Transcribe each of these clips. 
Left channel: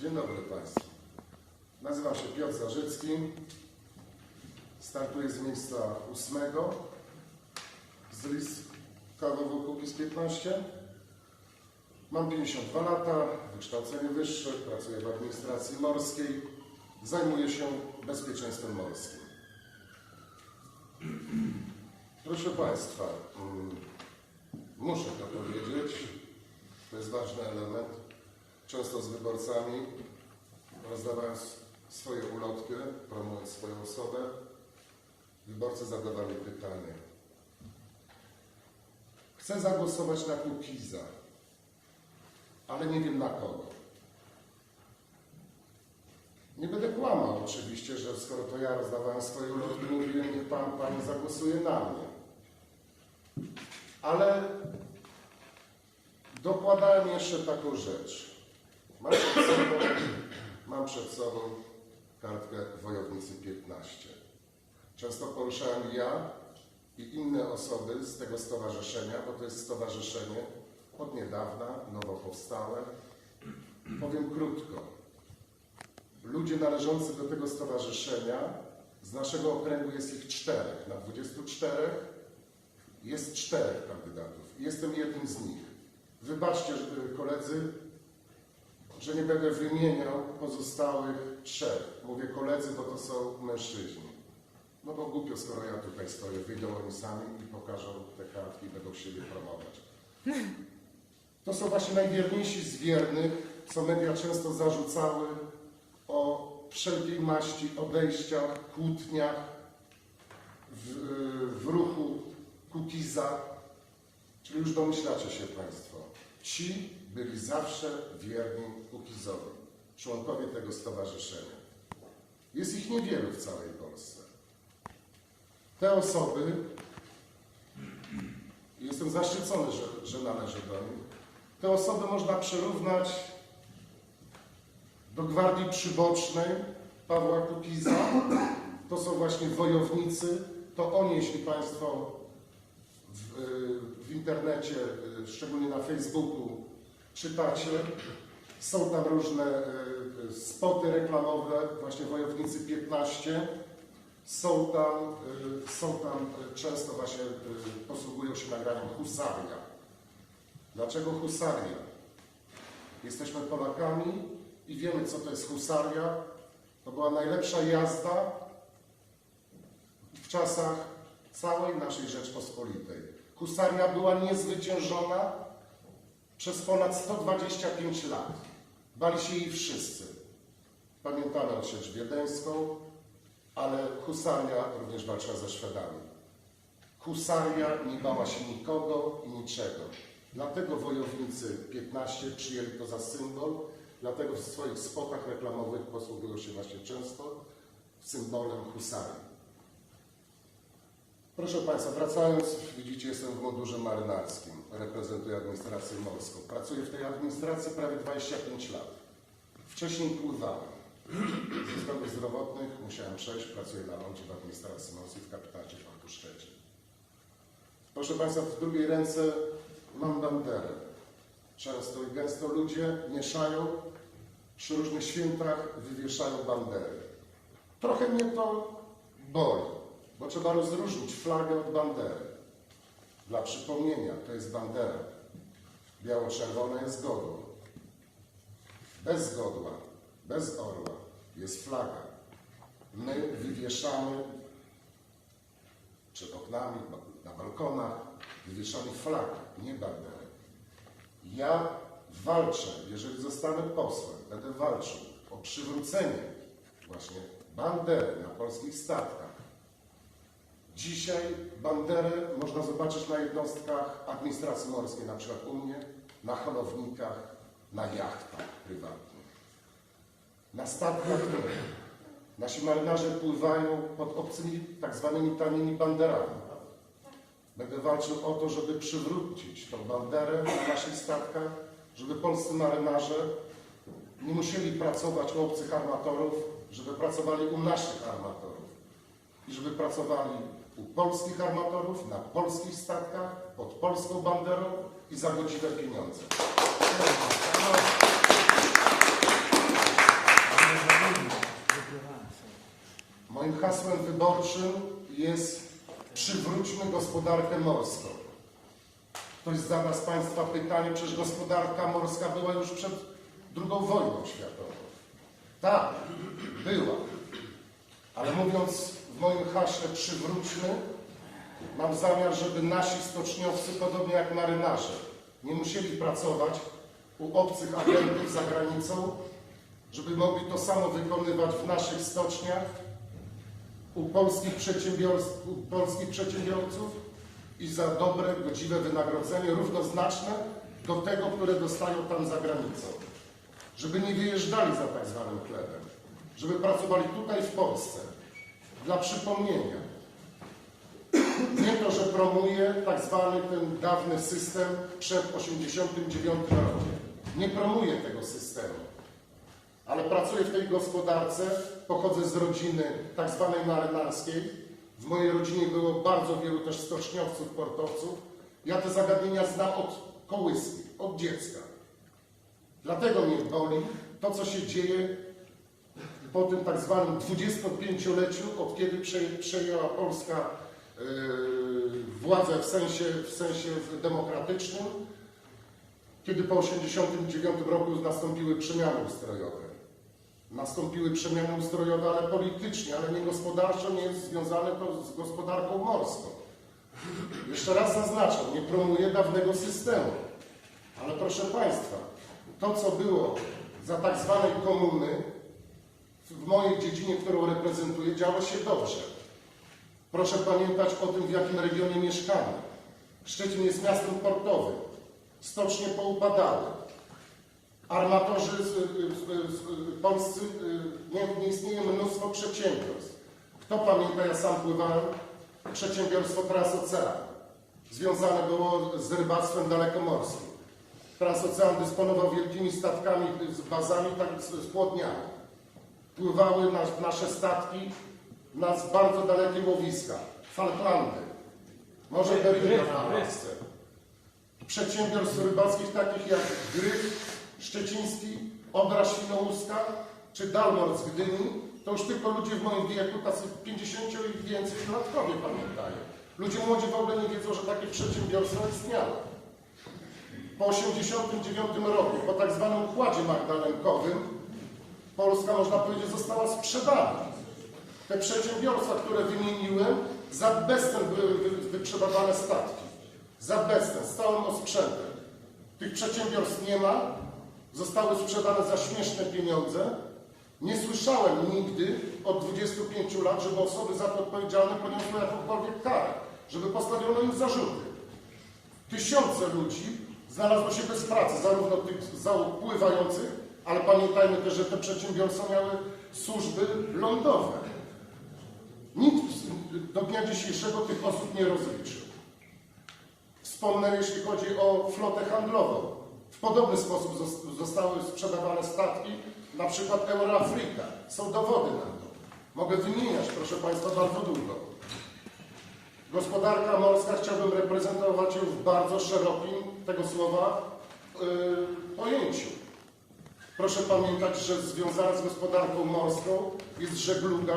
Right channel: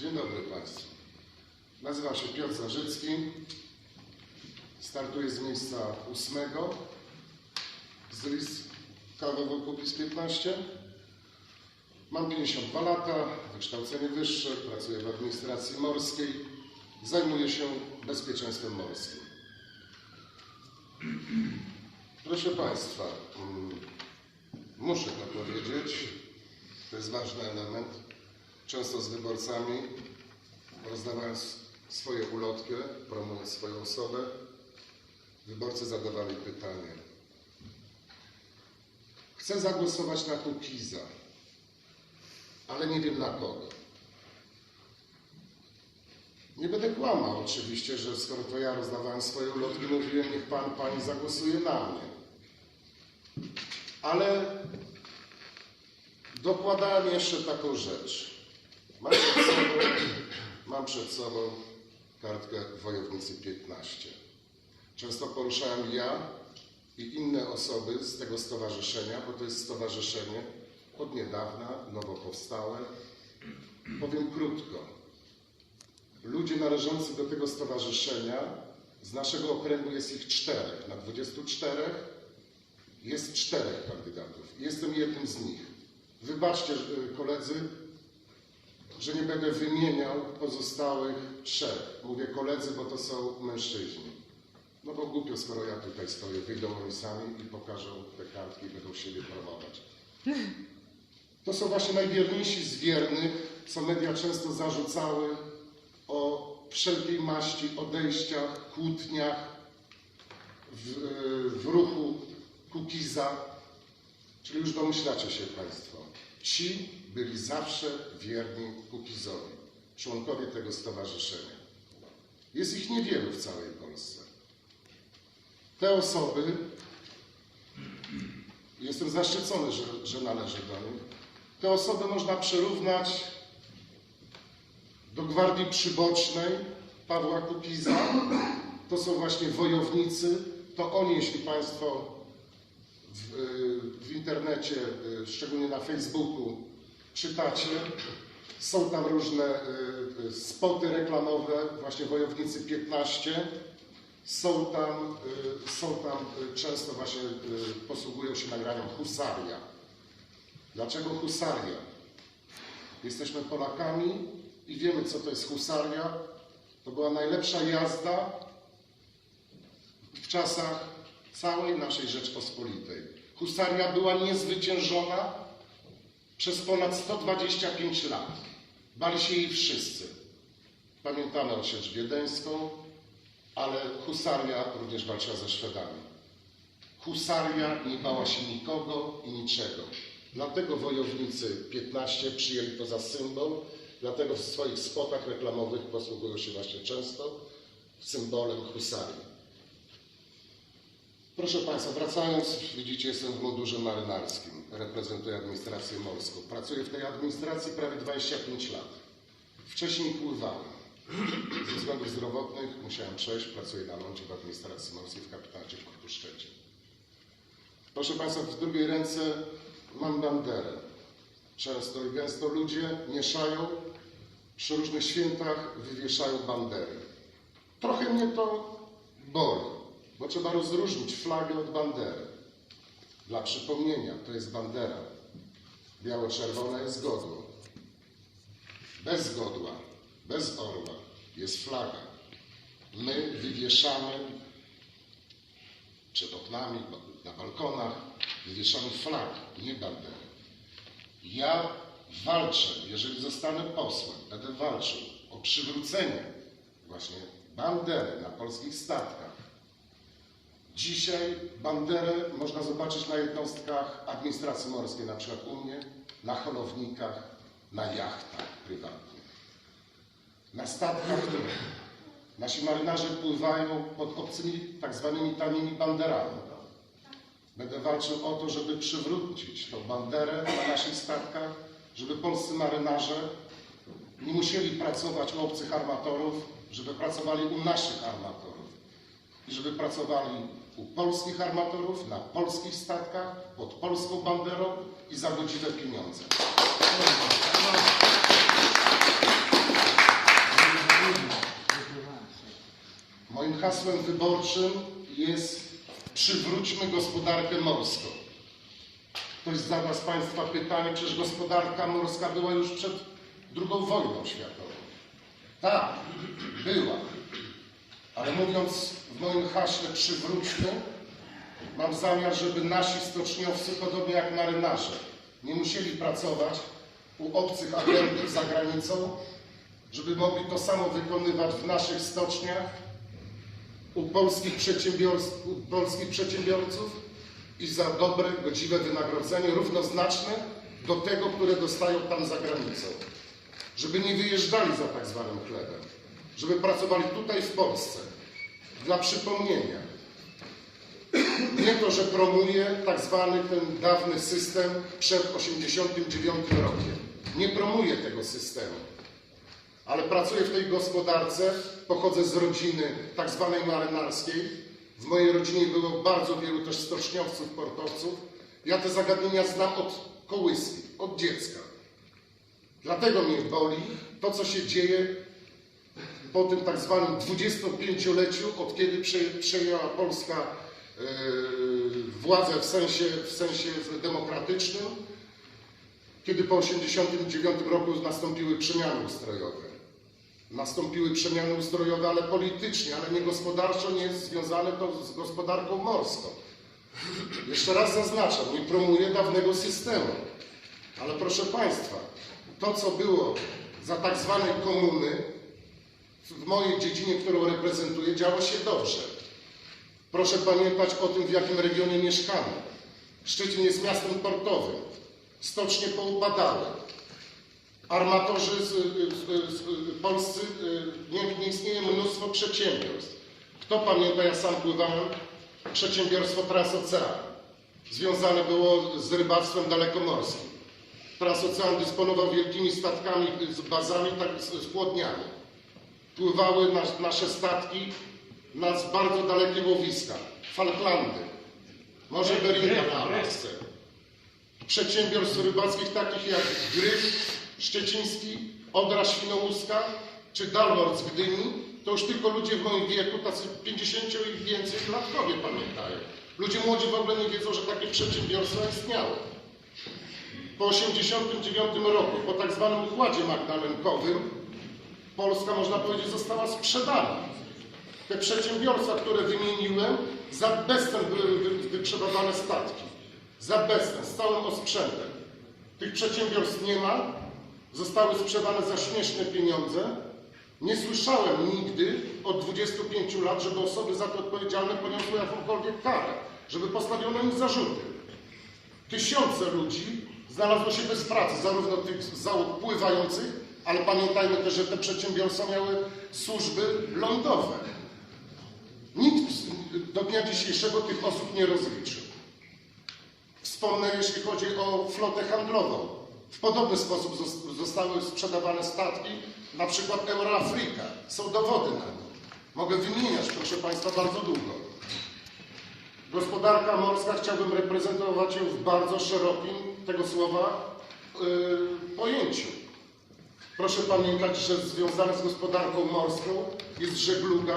Dzień dobry Państwu. Nazywam się Piotr Zarzycki. Startuję z miejsca ósmego z list KWW Kukiz 15. Mam 52 lata, wykształcenie wyższe, pracuję w administracji morskiej. Zajmuję się bezpieczeństwem morskim. Proszę Państwa, mm, muszę to powiedzieć, to jest ważny element. Często z wyborcami, rozdawając swoje ulotki, promując swoją osobę, wyborcy zadawali pytanie. Chcę zagłosować na Kukiza, ale nie wiem na kogo. Nie będę kłamał oczywiście, że skoro to ja rozdawałem swoje ulotki, mówiłem, niech pan, pani zagłosuje na mnie. Ale dokładałem jeszcze taką rzecz. Mam przed sobą, mam przed sobą kartkę Wojownicy 15. Często poruszałem ja i inne osoby z tego stowarzyszenia, bo to jest stowarzyszenie od niedawna, nowo powstałe. Powiem krótko. Ludzie należący do tego stowarzyszenia, z naszego okręgu jest ich czterech. Na 24 jest czterech kandydatów. Jestem jednym z nich. Wybaczcie, że- koledzy, że nie będę wymieniał pozostałych trzech. Mówię koledzy, bo to są mężczyźni. No bo głupio, skoro ja tutaj stoję, wyjdą oni sami i pokażą te kartki i będą siebie promować. To są właśnie najwierniejsi z wiernych, co media często zarzucały o wszelkiej maści odejściach, kłótniach w, w ruchu Kukiza. Czyli już domyślacie się Państwo. Ci byli zawsze wierni Kukizowi, członkowie tego stowarzyszenia. Jest ich niewielu w całej Polsce. Te osoby, jestem zaszczycony, że, że należę do nich, te osoby można przyrównać do gwardii przybocznej Pawła Kukiza. To są właśnie wojownicy. To oni, jeśli Państwo w, w internecie, szczególnie na Facebooku, czytacie, są tam różne y, y, spoty reklamowe, właśnie Wojownicy 15. Są tam, y, są tam często właśnie posługują się nagraniem husaria. Dlaczego husaria? Jesteśmy Polakami i wiemy, co to jest husaria. To była najlepsza jazda w czasach całej naszej Rzeczpospolitej. Husaria była niezwyciężona przez ponad 125 lat. Bali się jej wszyscy. Pamiętamy odsiecz wiedeńską, ale husaria również walczyła ze Szwedami. Husaria nie bała się nikogo i niczego. Dlatego wojownicy 15 przyjęli to za symbol, dlatego w swoich spotach reklamowych posługują się właśnie często symbolem husarii. Proszę Państwa, wracając, widzicie, jestem w mundurze marynarskim, reprezentuję administrację morską. Pracuję w tej administracji prawie 25 lat. Wcześniej pływałem. Ze względów zdrowotnych musiałem przejść, pracuję na lądzie w administracji morskiej w kapitacie Portu Szczecin. Proszę Państwa, w drugiej ręce mam banderę. Często i gęsto ludzie mieszają, przy różnych świętach wywieszają bandery. Trochę mnie to boli, bo trzeba rozróżnić flagę od bandery. Dla przypomnienia, to jest bandera. Biało-czerwona jest godło. Bez godła, bez orła jest flaga. My wywieszamy przed oknami, na balkonach, wywieszamy flagi, nie bandery. Ja walczę, jeżeli zostanę posłem, będę walczył o przywrócenie właśnie bandery na polskich statkach. Dzisiaj banderę można zobaczyć na jednostkach administracji morskiej, na przykład u mnie, na holownikach, na jachtach prywatnych. Na statkach nasi marynarze pływają pod obcymi, tak zwanymi tanimi banderami. Będę walczył o to, żeby przywrócić tą banderę na naszych statkach, żeby polscy marynarze nie musieli pracować u obcych armatorów, żeby pracowali u naszych armatorów i żeby pracowali u polskich armatorów, na polskich statkach, pod polską banderą i za godziwe pieniądze. Moim hasłem wyborczym jest przywróćmy gospodarkę morską. Ktoś zada z Państwa pytanie, czyż gospodarka morska była już przed II wojną światową. Tak, była. Ale mówiąc w moim haśle przywróćmy, mam zamiar, żeby nasi stoczniowcy, podobnie jak marynarze, nie musieli pracować u obcych agentów za granicą, żeby mogli to samo wykonywać w naszych stoczniach, u polskich, u polskich przedsiębiorców i za dobre, godziwe wynagrodzenie, równoznaczne do tego, które dostają tam za granicą. Żeby nie wyjeżdżali za tak zwanym chlebem, żeby pracowali tutaj w Polsce. Dla przypomnienia, nie to, że promuje tak zwany ten dawny system przed 89 rokiem. Nie promuje tego systemu. Ale pracuję w tej gospodarce, pochodzę z rodziny tak zwanej marynarskiej. W mojej rodzinie było bardzo wielu też stoczniowców, portowców. Ja te zagadnienia znam od kołyski, od dziecka. Dlatego mnie boli to, co się dzieje po tym tak zwanym 25-leciu, od kiedy prze- przejęła Polska yy, władzę w sensie, w sensie demokratycznym, kiedy po 1989 roku nastąpiły przemiany ustrojowe. Nastąpiły przemiany ustrojowe, ale politycznie, ale nie gospodarczo, nie jest związane to z gospodarką morską. Jeszcze raz zaznaczam, nie promuję dawnego systemu. Ale proszę Państwa, to co było za tak zwanej komuny, w mojej dziedzinie, którą reprezentuję, działo się dobrze. Proszę pamiętać o tym, w jakim regionie mieszkamy. Szczecin jest miastem portowym. Stocznie poupadały. Armatorzy z, z, z, polscy, y, nie, nie istnieje mnóstwo przedsiębiorstw. Kto pamięta, ja sam pływałem, przedsiębiorstwo Transocean. Związane było z rybactwem dalekomorskim. Transocean dysponował wielkimi statkami, z bazami, tak, z, z płodniami. Pływały nas, nasze statki na bardzo dalekie łowiska. Falklandy, Morze Beringa na Alasce. Przedsiębiorstw rybackich takich jak Gryf Szczeciński, Odra Świnoujska czy Dalmor z Gdyni, to już tylko ludzie w moim wieku, tacy 50 i więcej latkowie pamiętają. Ludzie młodzi w ogóle nie wiedzą, że takie przedsiębiorstwo istniało. Po 1989 roku, po tak zwanym układzie magdalenkowym, Polska, można powiedzieć, została sprzedana. Te przedsiębiorstwa, które wymieniłem, za bezcen były wy- wyprzedawane statki. Za bezcen, z całym osprzętem. Tych przedsiębiorstw nie ma, zostały sprzedane za śmieszne pieniądze. Nie słyszałem nigdy od 25 lat, żeby osoby za to odpowiedzialne poniosły jakąkolwiek karę, żeby postawiono im zarzuty. Tysiące ludzi znalazło się bez pracy, zarówno tych załóg pływających, ale pamiętajmy też, że te przedsiębiorstwa miały służby lądowe. Nikt do dnia dzisiejszego tych osób nie rozliczył. Wspomnę, jeśli chodzi o flotę handlową. W podobny sposób zos- zostały sprzedawane statki, na przykład Euroafrika. Są dowody na to. Mogę wymieniać, proszę Państwa, bardzo długo. Gospodarka morska chciałbym reprezentować ją w bardzo szerokim tego słowa yy, pojęciu. Proszę pamiętać, że związana z gospodarką morską jest żegluga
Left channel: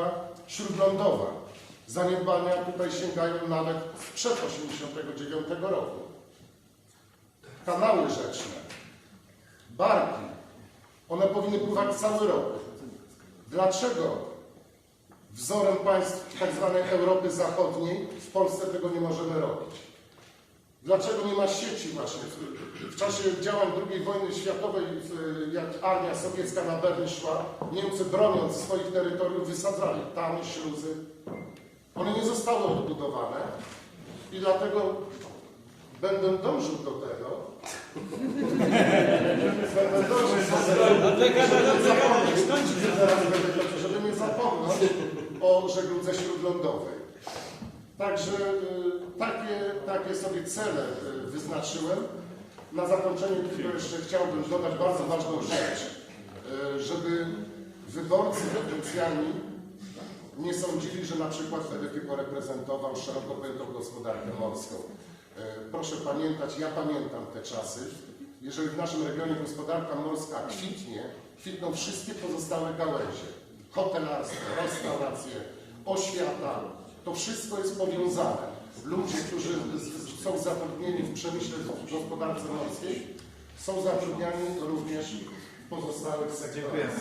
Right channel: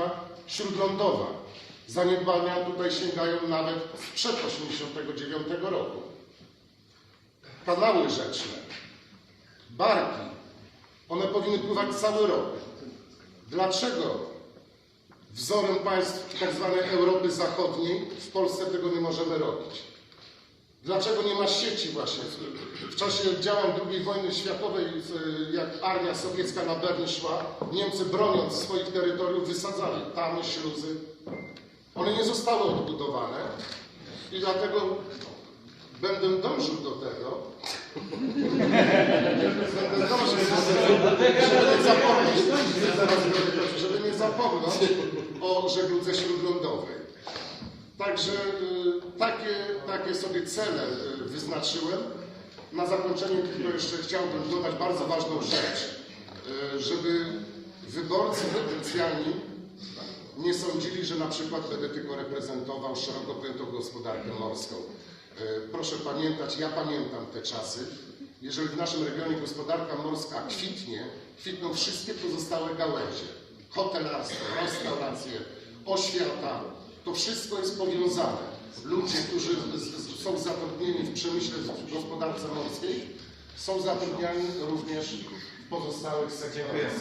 śródlądowa. Zaniedbania tutaj sięgają nawet sprzed 1989 roku. Kanały rzeczne, barki, one powinny pływać cały rok. Dlaczego wzorem państw tzw. Europy Zachodniej w Polsce tego nie możemy robić? Dlaczego nie ma sieci właśnie? W czasie działań II wojny światowej, jak armia sowiecka na Berlin szła, Niemcy broniąc swoich terytoriów wysadzali tamy, śluzy. One nie zostały odbudowane i dlatego będę dążył do tego, będę dążył żeby żeby nie zapomnieć o żegludze śródlądowej. Także y, takie, takie sobie cele y, wyznaczyłem. Na zakończenie tylko jeszcze chciałbym dodać bardzo ważną rzecz, y, żeby wyborcy potencjalni nie sądzili, że na przykład będę tylko reprezentował szeroko pojętą gospodarkę morską. Proszę pamiętać, ja pamiętam te czasy. Jeżeli w naszym regionie gospodarka morska kwitnie, kwitną wszystkie pozostałe gałęzie. Hotelarstwo, restauracje, oświata. To wszystko jest powiązane. Ludzie, którzy są zatrudnieni w przemyśle, w gospodarce morskiej, są zatrudniani również w pozostałych sektorach.